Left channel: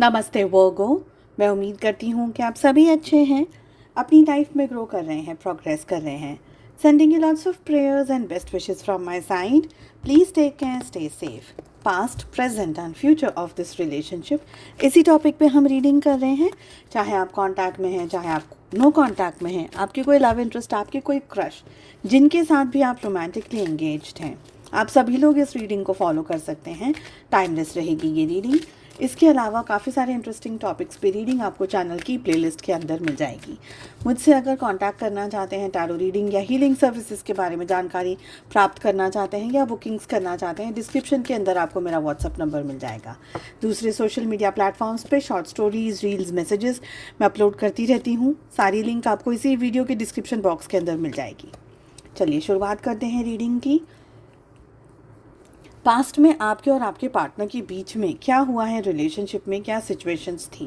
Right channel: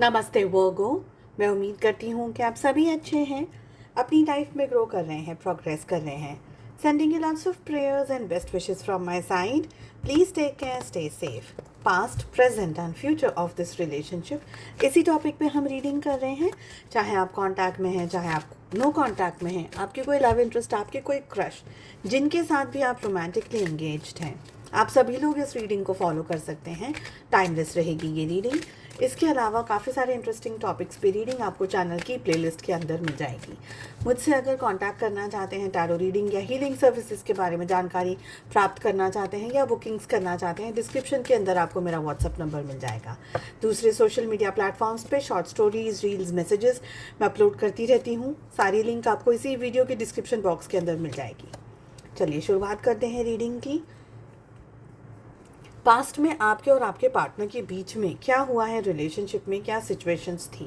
नमस्ते वर्गो। मैं उम्मीद करती हूँ कि आप सभी अच्छे हैं, अपनी लाइफ में ग्रो कर रहे हैं, प्रोग्रेस कर रहे हैं। Sending you lots of prayers and best wishes from my side. Please take care, stay safe. Past, present and future of this relationship, इसी टॉपिक पे हम रीडिंग कर रहे हैं। चाहे आप कांटेक्ट में हैं, चाहे आप नो कांटेक्ट में हैं, आपकी कोई लव इंटरेस्ट, आपकी कोई क्रश, जिनके साथ भी आप रोमांटिकली एंगेज्ड हैं, आप सभी लोग इस रीडिंग को फॉलो कर सकते हैं। टाइमलेस रहेगी ये रीडिंग। इसके अलावा काफ़ी सारे इंटरेस्टिंग टॉपिक्स पे रीडिंग आपको चैनल की प्लेलिस्ट के अंदर मिल जाएगी। मुझसे अगर कांटेक्ट करना चाहते हैं, टैरो रीडिंग या हीलिंग सर्विसेज के बारे में जानकारी प्राप्त करना चाहते हैं या बुकिंग्स करना चाहते हैं, डिस्क्रिप्शन के अंदर आपको मेरा व्हाट्सअप नंबर मिल जाएगा। दूसरे सोशल मीडिया प्लेटफॉर्म्स पे शॉर्ट स्टोरीज, रील्स, मैसेजेस मैं अपलोड करती रहती हूँ। सारी लिंक आपको इसी वीडियो के डिस्क्रिप्शन बॉक्स के अंदर मिल जाएगी। चलिए शुरुआत करते हैं रीडिंग की। पास्ट में आपके और आपके पार्टनर के बीच में क्या हुआ है, रिलेशनशिप में क्या सिचुएशंस थी।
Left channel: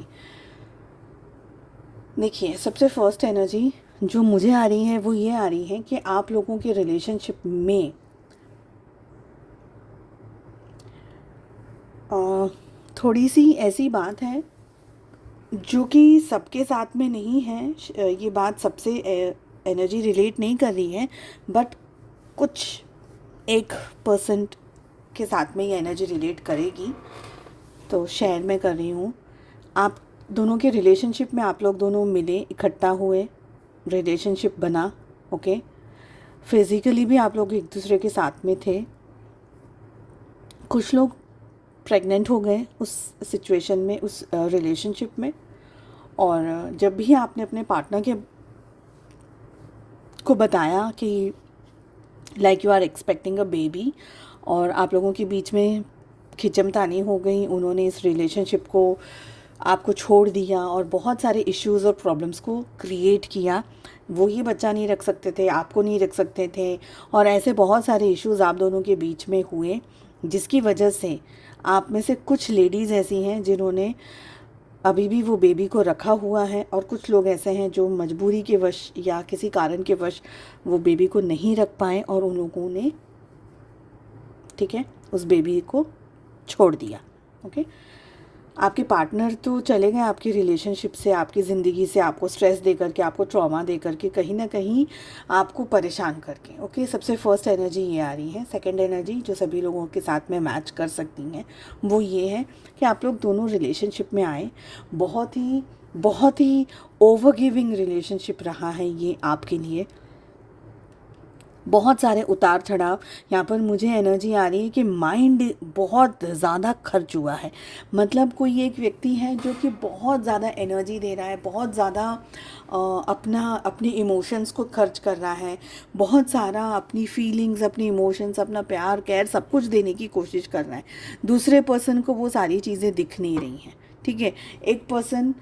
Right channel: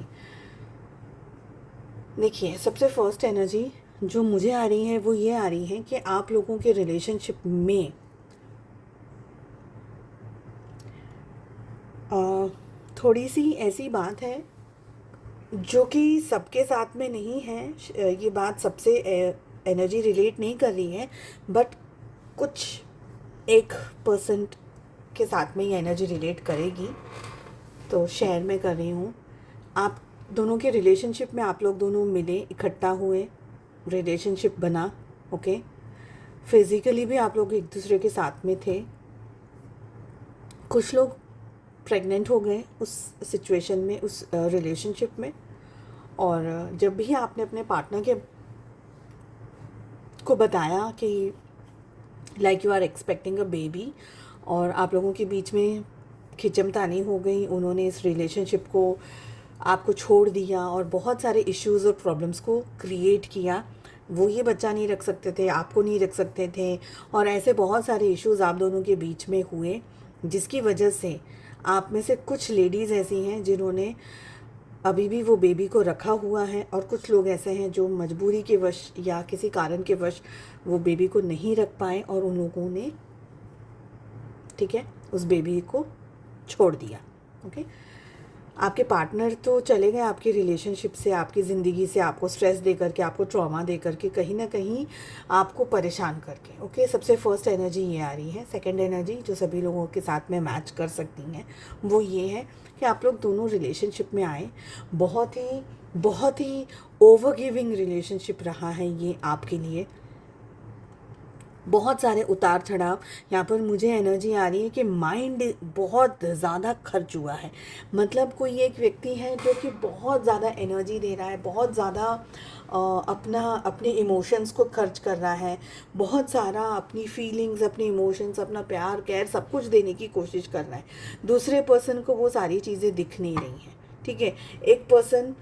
देखिए, सबसे फर्स्ट एनर्जी जो मुझे आ रही है वो ये आ रही है कि आप लोगों के रिलेशनशिप में थोड़ी सी ऐसी बात है जो कि सबके साथ में नहीं है। ये बात सबसे एनर्जी रिलेट नहीं कर रही है, बट कुछ 1% के साथ में ये एनर्जी रिलेट करेगी, तो शेयर मैं कर रही हूँ। आप दोनों के रिलेशनशिप में आप लोग दोनों मिले, इकट्ठा हुए, रिलेशनशिप बना, ओके। फिज़िकली भी आप लोग एक दूसरे के साथ में थे। कुछ लोग प्रेग्नेंट हो गए उस सिचुएशन में, उस रिलेशनशिप में। और जब भी आपने अपने पार्टनर के को बताया कि like you are expecting a baby, और आप लोगों के बीच में खिंचमतानी हो गई, उन्होंने इस रिलेशनशिप को आपको छोड़ दिया और बहुत सारे इश्यूज़ और प्रॉब्लम्स को क्रिएट किया। वो ये बच्चा नहीं रख सकते थे, आपको नहीं रख सकते थे, और ऐसे बहुत सारे इश्यूज़ आप दोनों के बीच में हुए, जिसकी वजह से आप में से कुछ लेडीज़ ऐसी हैं जिन्होंने अभी भी वो बेबी को रखा हुआ है, और कुछ लोग ऐसे हैं जो मजबूरी के वश या किसी कारण के वश वो बेबी को नहीं रख पाए और उन लोगों ने, ठीक है, उस बेबी को छोड़ दिया, ओके। आपके पार्टनर तो चले गए आपकी रिलेशनशिप से, आपकी ज़िंदगी से, आपको स्ट्रेस दे करके, आपको ट्रॉमा दे करके, कहीं ना कहीं आपको परेशान करके, ओके। सबसे फर्स्ट एनर्जी ये आ रही है। सेकंड एनर्जी जो सभी लोगों के साथ में मैच कर सकती हैं वो ये है कि आप लोग दोनों रिलेशनशिप में आए। बहुत ही ओवर गिविंग रिलेशनशिप रहा है ये आपके लिए। बहुत सारे उतार चढ़ाव। यहाँ पर मुझे एनर्जी आ रही है कि माइंड बहुत ज़्यादा खर्च हुआ है। मतलब कोई एक व्यक्ति है जो कि बहुत ज़्यादा एनर्जी दे रहा है, बहुत ज़्यादा अपने इमोशंस को खर्च कर रहा है, बहुत सारा अपनी फीलिंग्स, अपनी इमोशंस, अपना प्यार, केयर सब कुछ देने की कोशिश कर रहा है। दूसरे पर्सन को वो सारी चीज़ें दिख नहीं रही हैं, ठीक है। एक पर्सन,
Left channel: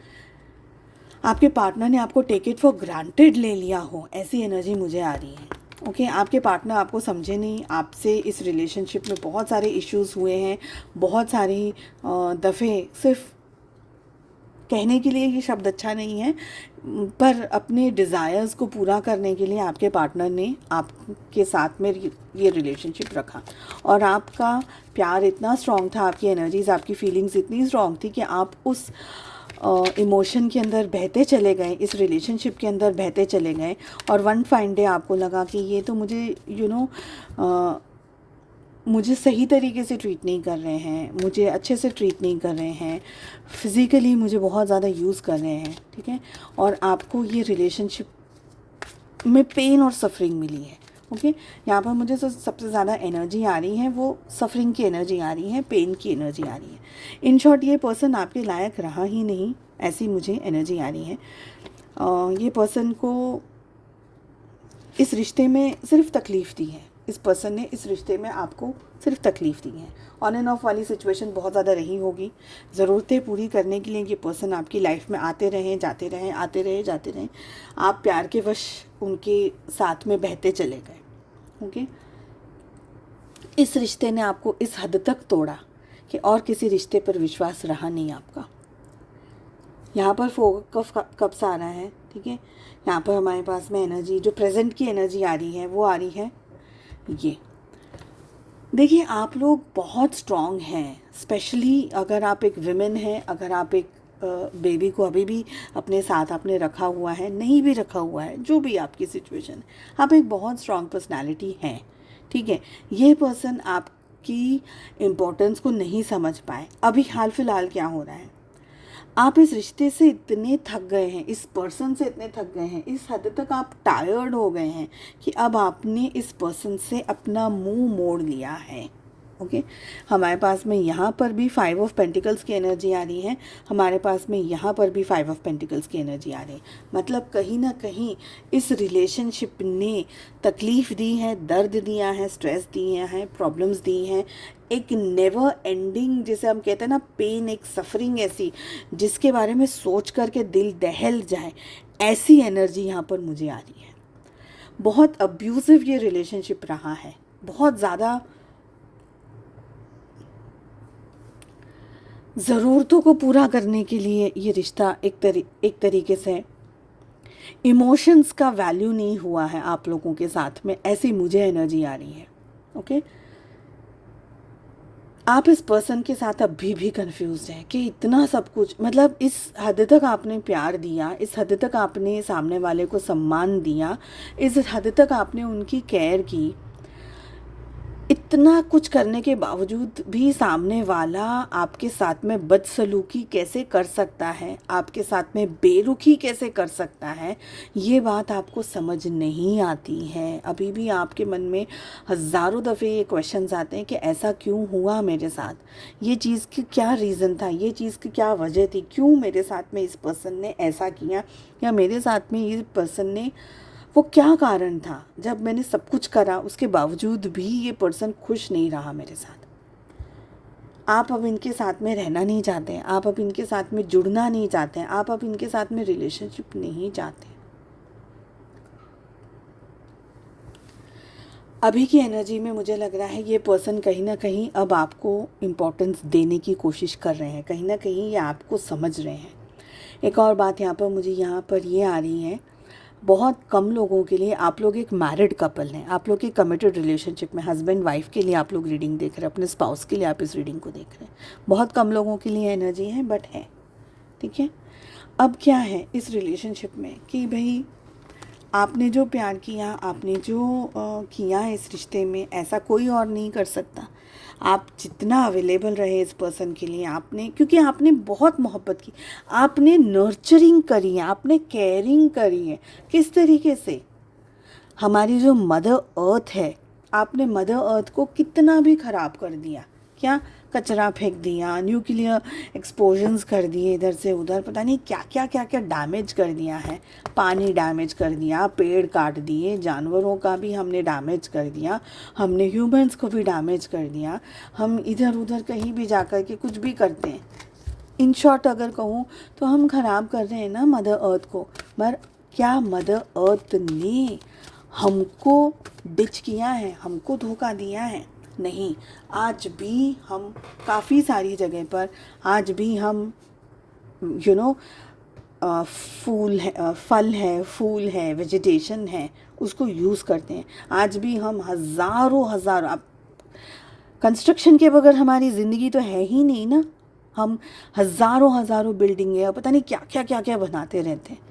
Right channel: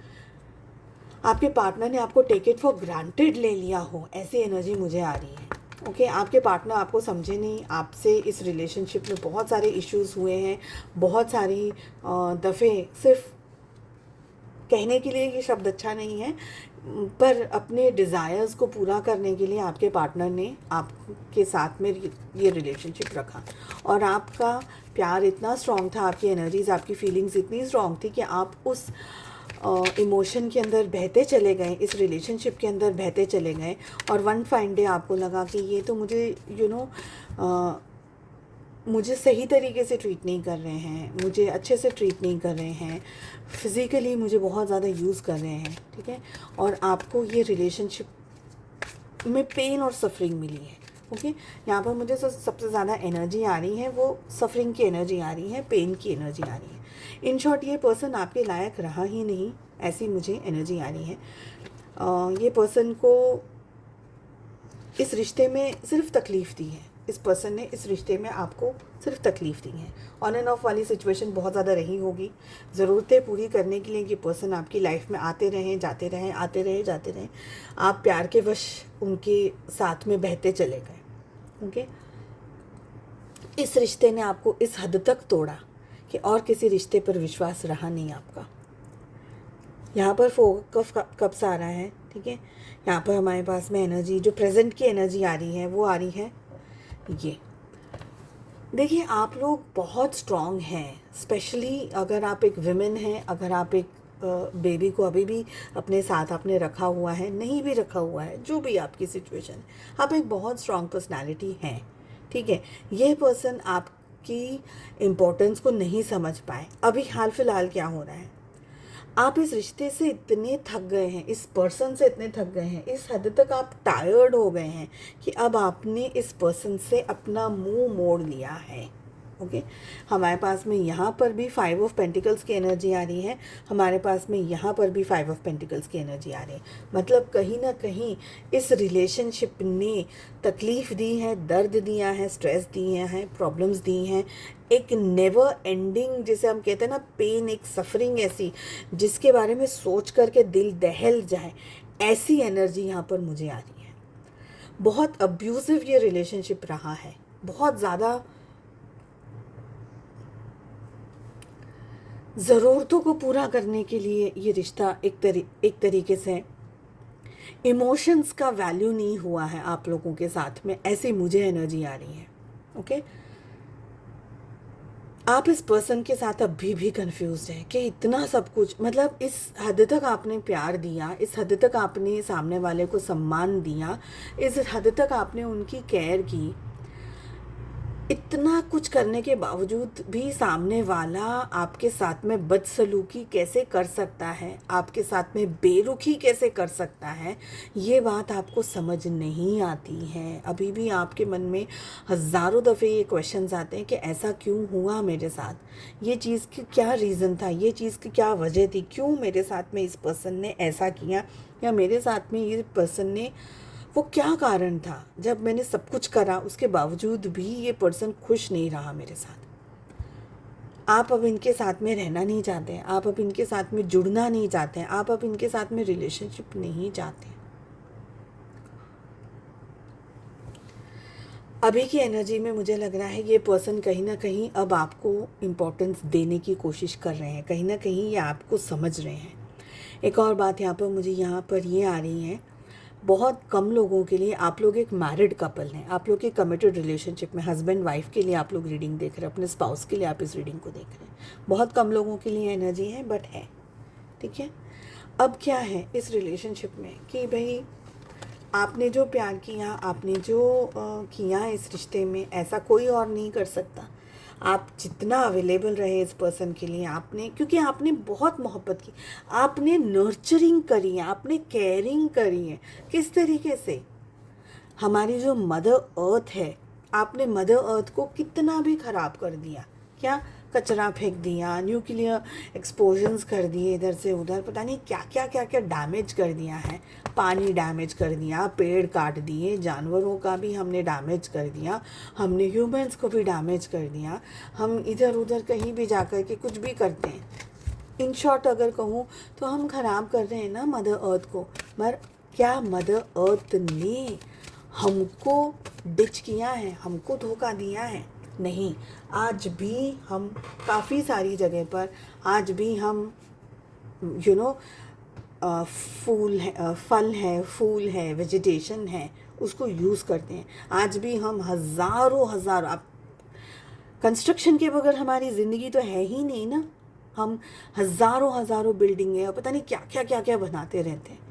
आपके पार्टनर ने आपको टेक इट फॉर ग्रांटेड ले लिया हो, ऐसी एनर्जी मुझे आ रही है, ओके। आपके पार्टनर आपको समझे नहीं, आपसे इस रिलेशनशिप में बहुत सारे इश्यूज हुए हैं। बहुत सारी दफ़े, सिर्फ कहने के लिए ये शब्द अच्छा नहीं है, पर अपने डिज़ायर्स को पूरा करने के लिए आपके पार्टनर ने आपके साथ में ये रिलेशनशिप रखा, और आपका प्यार इतना स्ट्रॉन्ग था, आपकी एनर्जीज, आपकी फीलिंग्स इतनी स्ट्रॉन्ग थी कि आप उस इमोशन के अंदर बहते चले गए, इस रिलेशनशिप के अंदर बहते चले गए। और वन फाइन डे आपको लगा कि ये तो मुझे मुझे सही तरीके से ट्रीट नहीं कर रहे हैं, मुझे अच्छे से ट्रीट नहीं कर रहे हैं, फिज़िकली मुझे बहुत ज़्यादा यूज़ कर रहे हैं, ठीक है। और आपको ये रिलेशनशिप में पेन और सफरिंग मिली है, ओके। यहाँ पर मुझे सबसे ज़्यादा एनर्जी आ रही है वो सफरिंग की एनर्जी आ रही है, पेन की एनर्जी आ रही है। इन शॉर्ट, ये पर्सन आपके लायक रहा ही नहीं, ऐसी मुझे एनर्जी आ रही है। ये पर्सन को इस रिश्ते में सिर्फ तकलीफ़ दी है। इस पर्सन ने इस रिश्ते में आपको सिर्फ तकलीफ़ दी है। ऑन एंड ऑफ वाली सिचुएशन बहुत ज़्यादा रही होगी। ज़रूरतें पूरी करने के लिए ये पर्सन आपकी लाइफ में आते रहे, जाते रहे, आते रहे, जाते रहे। आप प्यार के वश उनके साथ में बहते चले गए, ओके। इस रिश्ते ने आपको इस हद तक तोड़ा कि और किसी रिश्ते पर विश्वास रहा नहीं आपका। यहाँ पर कब से आ रहा है, ठीक है। यहाँ पर हमारे पास में एनर्जी, जो प्रेजेंट की एनर्जी आ रही है वो आ रही है ये देखिए, आप लोग बहुत स्ट्रॉन्ग हैं, स्पेशली अगर आप एक विमेन हैं, अगर आप एक बेबी को अभी भी अपने साथ आपने रखा हुआ है, नहीं भी रखा हुआ है, जो भी आपकी सिचुएशन है, आप एक बहुत स्ट्रॉन्ग पर्सनालिटी हैं, ठीक है। ये पर्सन आपकी इम्पोर्टेंस को नहीं समझ पाए। अभी हाल फिलहाल क्या हो रहा है, आप इस रिश्ते से इतने थक गए हैं, इस पर्सन से इतने थक गए हैं, इस हद तक आप टायर्ड हो गए हैं कि अब आपने इस पर्सन से अपना मुंह मोड़ लिया है। ओके, हमारे पास में यहाँ पर भी 5 ऑफ पेंटिकल्स की एनर्जी आ रही है, हमारे पास में यहाँ पर भी 5 ऑफ पेंटिकल्स की एनर्जी आ रही है। मतलब कहीं ना कहीं इस रिलेशनशिप ने तकलीफ़ दी है, दर्द दिया है, स्ट्रेस दिया है, प्रॉब्लम्स दी हैं, एक नेवर एंडिंग, जैसे हम कहते हैं ना, पेन, एक सफरिंग ऐसी जिसके बारे में सोच करके दिल दहल जाए, ऐसी एनर्जी यहाँ पर मुझे आ रही है। बहुत अब्यूजिव ये रिलेशनशिप रहा है, बहुत ज़्यादा ज़रूरतों को पूरा करने के लिए ये रिश्ता एक तरीके से इमोशंस का वैल्यू नहीं हुआ है आप लोगों के साथ में, ऐसी मुझे एनर्जी आ रही है। ओके, आप इस पर्सन के साथ अभी भी कंफ्यूज हैं कि इतना सब कुछ, मतलब इस हद तक आपने प्यार दिया, इस हद तक आपने सामने वाले को सम्मान दिया, इस हद तक आपने उनकी केयर की, इतना कुछ करने के बावजूद भी सामने वाला आपके साथ में बदसलूकी कैसे कर सकता है, आपके साथ में बेरुखी कैसे कर सकता है, ये बात आपको समझ नहीं आती है। अभी भी आपके मन में हज़ारों दफ़े ये क्वेश्चंस आते हैं कि ऐसा क्यों हुआ मेरे साथ, ये चीज़ की क्या रीज़न था, ये चीज़ की क्या वजह थी, क्यों मेरे साथ में इस पर्सन ने ऐसा किया, या मेरे साथ में ये पर्सन ने, वो क्या कारण था, जब मैंने सब कुछ करा उसके बावजूद भी ये पर्सन खुश नहीं रहा मेरे साथ। आप अब इनके साथ में रहना नहीं चाहते हैं, आप अब इनके साथ में जुड़ना नहीं चाहते हैं, आप अब इनके साथ में रिलेशनशिप नहीं चाहते। अभी की एनर्जी में मुझे लग रहा है ये पर्सन कहीं ना कहीं अब आपको इम्पोर्टेंस देने की कोशिश कर रहे हैं, कहीं ना कहीं ये आपको समझ रहे हैं। एक और बात यहाँ पर मुझे यहाँ पर ये आ रही है, बहुत कम लोगों के लिए, आप लोग एक मैरिड कपल हैं, आप लोग एक कमिटेड रिलेशनशिप में हस्बैंड वाइफ के लिए आप लोग रीडिंग देख रहे हैं, अपने स्पाउस के लिए आप इस रीडिंग को देख रहे हैं। बहुत कम लोगों के लिए एनर्जी है, बट है, ठीक है। अब क्या है इस रिलेशनशिप में कि भाई आपने जो प्यार किया, आपने जो किया इस रिश्ते में, ऐसा कोई और नहीं कर सकता। आप जितना अवेलेबल रहे इस पर्सन के लिए, आपने, क्योंकि आपने बहुत मोहब्बत की, आपने नर्चरिंग करी है, आपने केयरिंग करी है। किस तरीके से, हमारी जो मदर अर्थ है, आपने मदर अर्थ को कितना भी ख़राब कर दिया, क्या कचरा फेंक दिया, न्यूक्लियर एक्सप्लोजन्स कर दिए इधर से उधर, पता नहीं क्या क्या क्या क्या डैमेज कर दिया है, पानी डैमेज कर दिया, पेड़ काट दिए, जानवरों का भी हमने डैमेज कर दिया, हमने ह्यूमंस को भी डैमेज कर दिया, हम इधर उधर कहीं भी जाकर के कुछ भी करते हैं। इन शॉर्ट अगर कहूँ तो हम ख़राब कर रहे हैं ना मदर अर्थ को। पर क्या मदर अर्थ ने हमको डिच किया है, हमको धोखा दिया है? नहीं। आज भी हम काफ़ी सारी जगह पर, आज भी हम यू नो फूल है, फल है, फूल है, वेजिटेशन है, उसको यूज़ करते हैं। आज भी हम हज़ारों आप, कंस्ट्रक्शन के बगैर हमारी ज़िंदगी तो है ही नहीं ना। हम हज़ारों बिल्डिंगें और पता नहीं क्या क्या क्या क्या बनाते रहते हैं।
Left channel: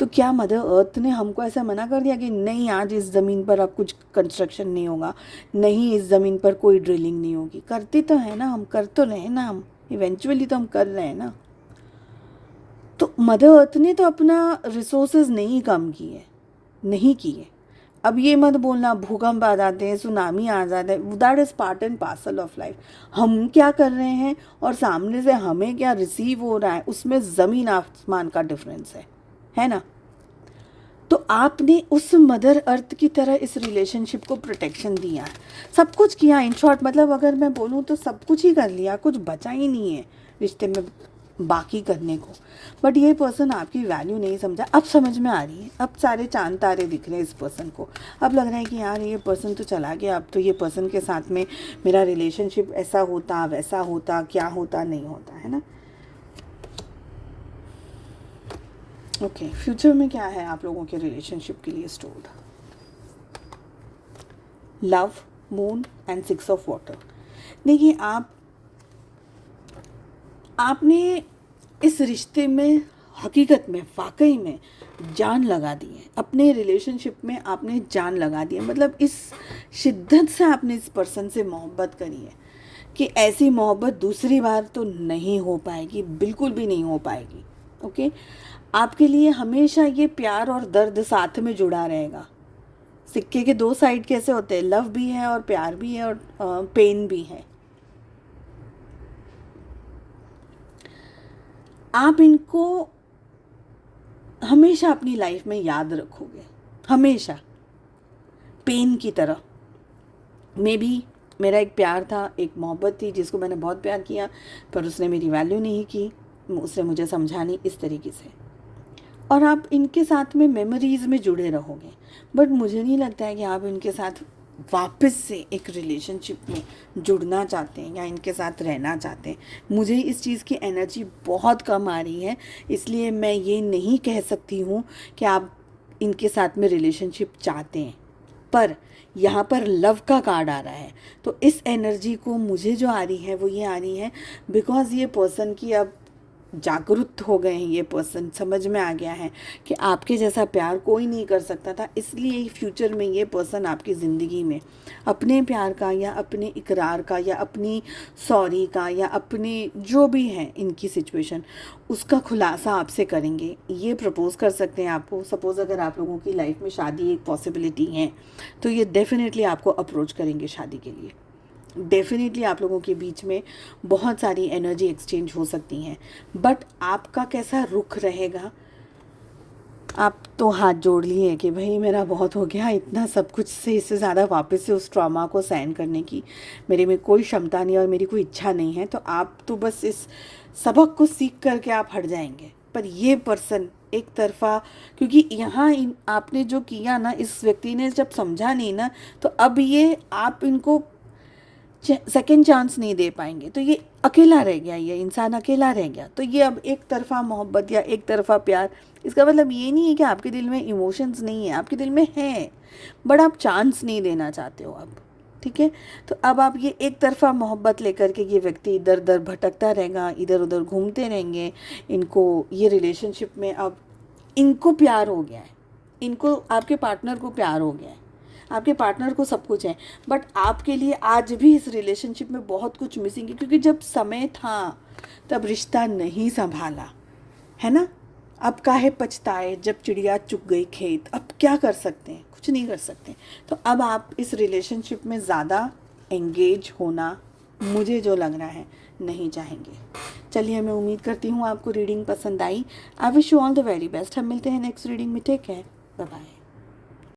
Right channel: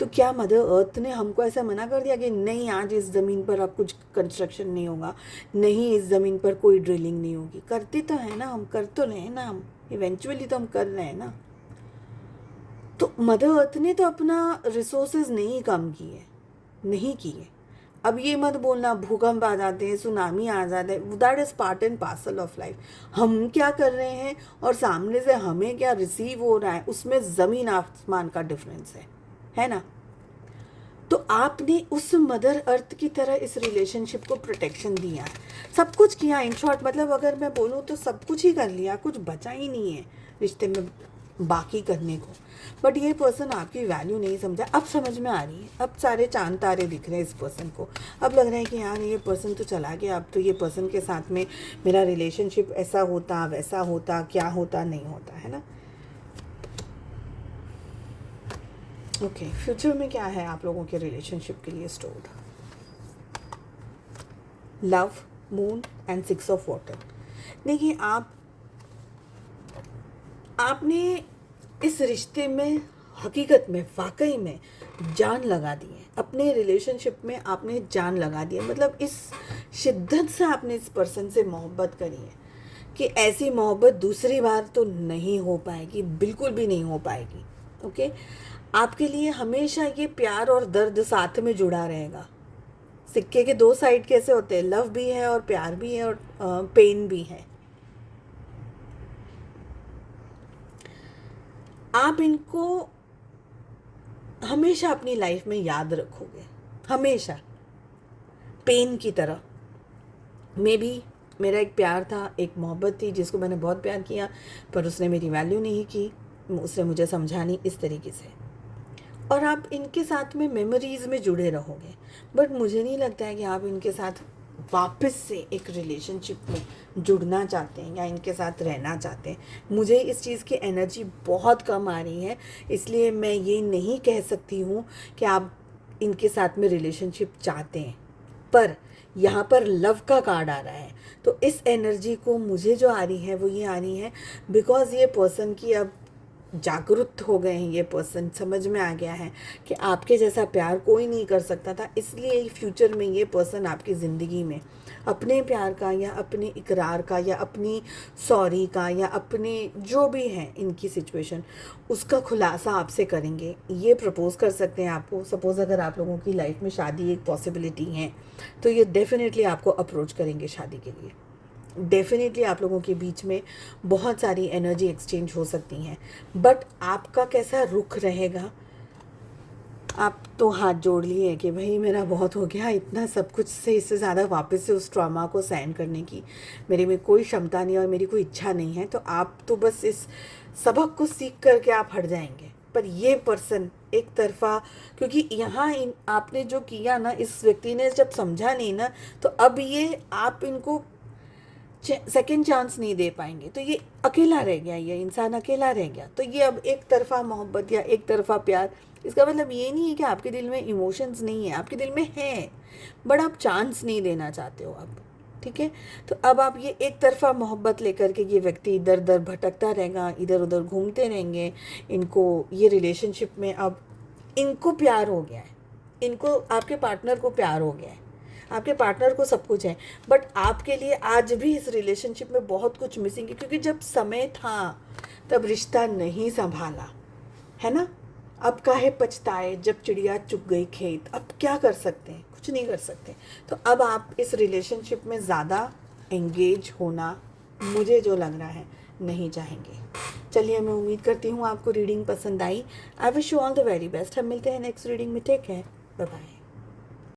तो क्या मदर अर्थ ने हमको ऐसा मना कर दिया कि नहीं, आज इस ज़मीन पर अब कुछ कंस्ट्रक्शन नहीं होगा, नहीं इस ज़मीन पर कोई ड्रिलिंग नहीं होगी? करते तो है ना, हम कर तो रहे हैं ना, हम इवेंचुअली तो हम कर रहे हैं ना। तो मदर अर्थ ने तो अपना रिसोर्सेज नहीं कम किए, नहीं किए। अब ये मत बोलना भूकंप आ जाते हैं, सुनामी आ जाते हैं, that is part and parcel of life. हम क्या कर रहे हैं और सामने से हमें क्या रिसीव हो रहा है, उसमें ज़मीन आसमान का डिफरेंस है ना। तो आपने उस मदर अर्थ की तरह इस रिलेशनशिप को प्रोटेक्शन दिया, सब कुछ किया। इन शॉर्ट मतलब अगर मैं बोलूँ तो सब कुछ ही कर लिया, कुछ बचा ही नहीं है रिश्ते में बाकी करने को। बट ये पर्सन आपकी वैल्यू नहीं समझा। अब समझ में आ रही है, अब सारे चांद तारे दिख रहे हैं इस पर्सन को। अब लग रहा है कि यार ये पर्सन तो चला गया, अब तो ये पर्सन के साथ में मेरा रिलेशनशिप ऐसा होता, वैसा होता, क्या होता, नहीं होता, है ना। ओके, फ्यूचर में क्या है आप लोगों के रिलेशनशिप के लिए stored? Love, moon and 6 of water. देखिए आपने इस रिश्ते में हकीकत में वाकई में जान लगा दी है, अपने रिलेशनशिप में आपने जान लगा दी है। मतलब इस शिद्दत से आपने इस पर्सन से मोहब्बत करी है कि ऐसी मोहब्बत दूसरी बार तो नहीं हो पाएगी, बिल्कुल भी नहीं हो पाएगी। ओके, आपके लिए हमेशा ये प्यार और दर्द साथ में जुड़ा रहेगा। सिक्के के दो साइड कैसे होते हैं, लव भी है और प्यार भी है और पेन भी है। आप इनको हमेशा अपनी लाइफ में याद रखोगे, हमेशा पेन की तरह। मे बी मेरा एक प्यार था, एक मोहब्बत थी जिसको मैंने बहुत प्यार किया, पर उसने मेरी वैल्यू नहीं की, उसने मुझे समझा नहीं इस तरीके से। और आप इनके साथ में मेमोरीज़ में जुड़े रहोगे, बट मुझे नहीं लगता है कि आप इनके साथ वापस से एक रिलेशनशिप में जुड़ना चाहते हैं या इनके साथ रहना चाहते हैं। मुझे इस चीज़ की एनर्जी बहुत कम आ रही है, इसलिए मैं ये नहीं कह सकती हूँ कि आप इनके साथ में रिलेशनशिप चाहते हैं। पर यहाँ पर लव का कार्ड आ रहा है, तो इस एनर्जी को मुझे जो आ रही है वो ये आ रही है बिकॉज ये पर्सन की अब जागरूक हो गए हैं, ये पर्सन समझ में आ गया है कि आपके जैसा प्यार कोई नहीं कर सकता था। इसलिए फ्यूचर में ये पर्सन आपकी ज़िंदगी में अपने प्यार का या अपने इकरार का या अपनी सॉरी का या अपने जो भी है इनकी सिचुएशन, उसका खुलासा आपसे करेंगे। ये प्रपोज़ कर सकते हैं आपको। सपोज़ अगर आप लोगों की लाइफ में शादी एक पॉसिबिलिटी है तो ये डेफिनेटली आपको अप्रोच करेंगे शादी के लिए। डेफिनेटली आप लोगों के बीच में बहुत सारी एनर्जी एक्सचेंज हो सकती हैं, बट आपका कैसा रुख रहेगा। आप तो हाथ जोड़ लिए हैं कि भाई मेरा बहुत हो गया, इतना सब कुछ से इससे ज़्यादा वापस से उस ट्रॉमा को सहन करने की मेरे में कोई क्षमता नहीं और मेरी कोई इच्छा नहीं है। तो आप तो बस इस सबक को सीख करके आप हट जाएंगे। पर ये पर्सन एक तरफा, क्योंकि यहाँ आपने जो किया ना, इस व्यक्ति ने जब समझा नहीं ना, तो अब ये आप इनको सेकेंड चांस नहीं दे पाएंगे। तो ये अकेला रह गया, ये इंसान अकेला रह गया। तो ये अब एक तरफा मोहब्बत या एक तरफा प्यार, इसका मतलब ये नहीं है कि आपके दिल में इमोशंस नहीं है, आपके दिल में हैं, बट आप चांस नहीं देना चाहते हो अब। ठीक है, तो अब आप ये एक तरफा मोहब्बत लेकर के ये व्यक्ति इधर उधर भटकता रहेगा, इधर उधर घूमते रहेंगे। इनको ये रिलेशनशिप में अब इनको प्यार हो गया है, इनको आपके पार्टनर को प्यार हो गया है, आपके पार्टनर को सब कुछ है, बट आपके लिए आज भी इस रिलेशनशिप में बहुत कुछ मिसिंग है। क्योंकि जब समय था तब रिश्ता नहीं संभाला, है ना। अब काहे पछताए जब चिड़िया चुग गई खेत। अब क्या कर सकते हैं, कुछ नहीं कर सकते। तो अब आप इस रिलेशनशिप में ज़्यादा एंगेज होना, मुझे जो लग रहा है, नहीं चाहेंगे। चलिए, मैं उम्मीद करती हूँ आपको रीडिंग पसंद आई। I wish you all the very best. हम मिलते हैं नेक्स्ट रीडिंग में। Take care, bye bye.